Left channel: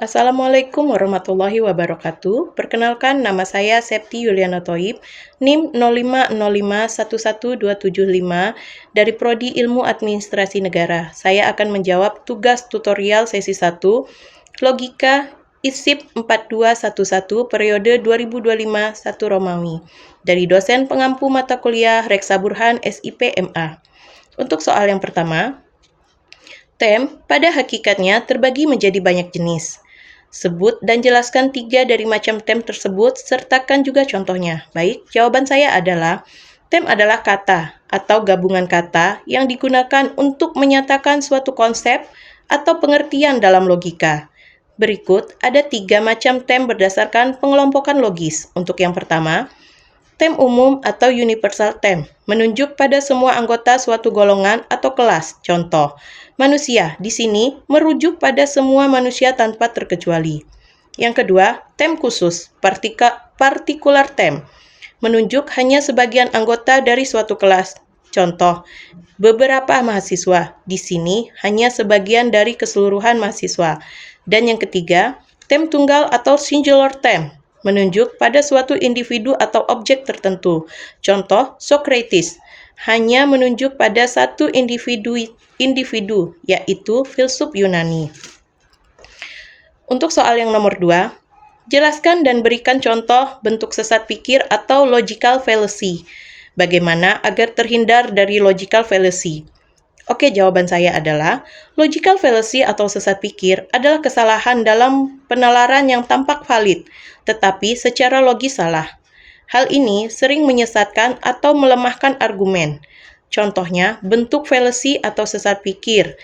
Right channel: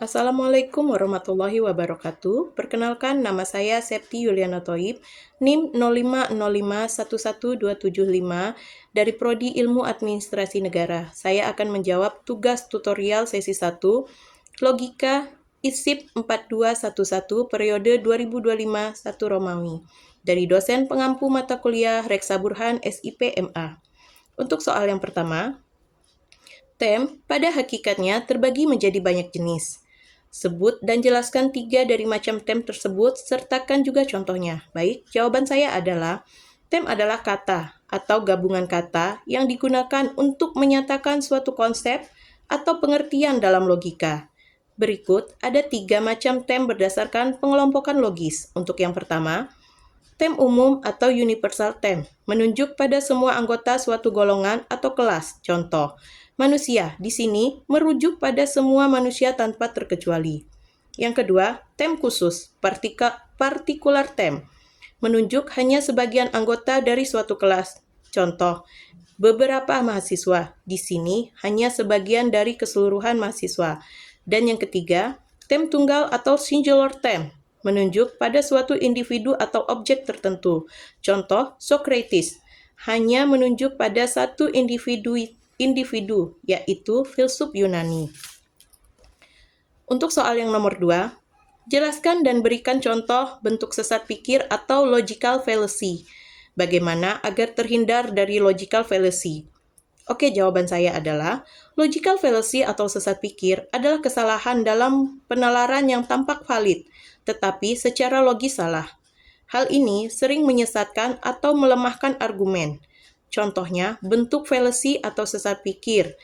Assalamualaikum warahmatullahi wabarakatuh. Perkenalkan, nama saya Septi Yuliana Thoib, NIM 0505112775 dari Prodi Ilmu Administrasi Negara. Saya akan menjawab tugas tutorial sesi 1, Logika ISIP 4211 periode 2025-1 Romawi, dari dosen pengampu mata kuliah Reksa Burhan SIP MA. Untuk soal yang pertama, tem pada hakikatnya terbagi menjadi banyak jenis. Sebut dan jelaskan 3 dari macam tem tersebut, sertakan juga contohnya. Baik, jawaban saya adalah, tem adalah kata atau gabungan kata yang digunakan untuk menyatakan suatu konsep atau pengertian dalam logika. Berikut ada 3 macam tem berdasarkan pengelompokan logis. Untuk yang pertama, tem umum atau universal tem, menunjuk pada semua anggota suatu golongan atau kelas. Contoh, manusia di sini merujuk pada semua manusia tanpa terkecuali. Yang kedua, tem khusus, partikular tem, menunjuk hanya sebagian anggota dari suatu kelas. Contoh, beberapa mahasiswa, di sini hanya sebagian dari keseluruhan mahasiswa. Dan yang ketiga, tem tunggal atau singular tem, menunjuk pada suatu individu atau objek tertentu. Contoh, Socrates hanya menunjuk pada satu individu, yaitu filsuf Yunani. Untuk soal yang nomor 2, jelaskan dan berikan contoh bentuk sesat pikir atau logical fallacy. Bagaimana agar terhindar dari logical fallacy? Oke, jawaban saya adalah, logical fallacy atau sesat pikir adalah kesalahan dalam penalaran yang tampak valid, tetapi secara logis salah. Hal ini sering menyesatkan atau melemahkan argumen. Contohnya, bentuk fallacy atau sesat pikir.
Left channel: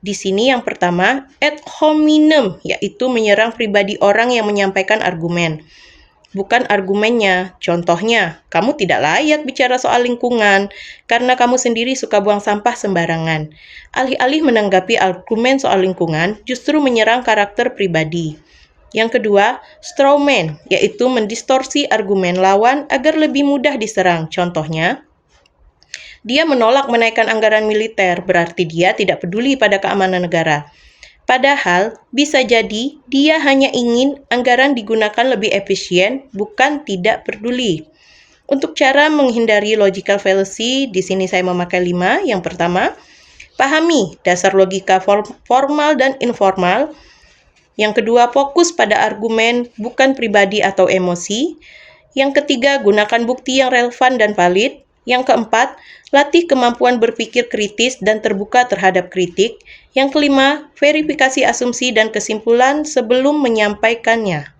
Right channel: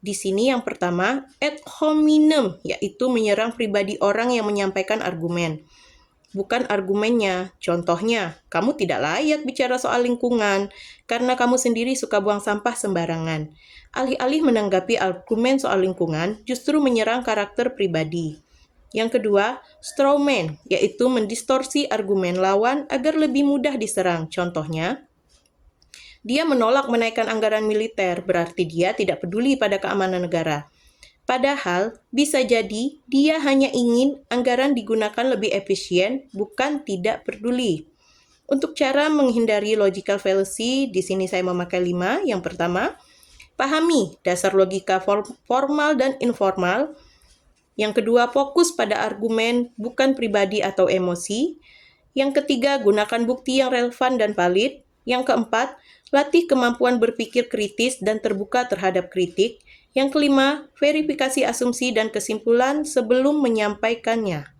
Di sini yang pertama, ad hominem, yaitu menyerang pribadi orang yang menyampaikan argumen. Bukan argumennya. Contohnya, kamu tidak layak bicara soal lingkungan karena kamu sendiri suka buang sampah sembarangan. Alih-alih menanggapi argumen soal lingkungan, justru menyerang karakter pribadi. Yang kedua, strawman, yaitu mendistorsi argumen lawan agar lebih mudah diserang. Contohnya, dia menolak menaikkan anggaran militer, berarti dia tidak peduli pada keamanan negara. Padahal, bisa jadi dia hanya ingin anggaran digunakan lebih efisien, bukan tidak peduli. Untuk cara menghindari logical fallacy, di sini saya memakai 5. Yang pertama, pahami dasar logika formal dan informal. Yang kedua, fokus pada argumen, bukan pribadi atau emosi. Yang ketiga, gunakan bukti yang relevan dan valid. Yang keempat, latih kemampuan berpikir kritis dan terbuka terhadap kritik. Yang kelima, verifikasi asumsi dan kesimpulan sebelum menyampaikannya.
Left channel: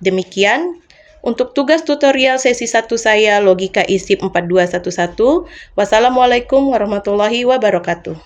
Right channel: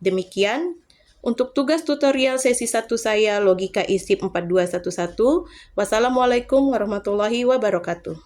Demikian untuk tugas tutorial sesi 1 saya, Logika ISIP 4211. Wassalamualaikum warahmatullahi wabarakatuh.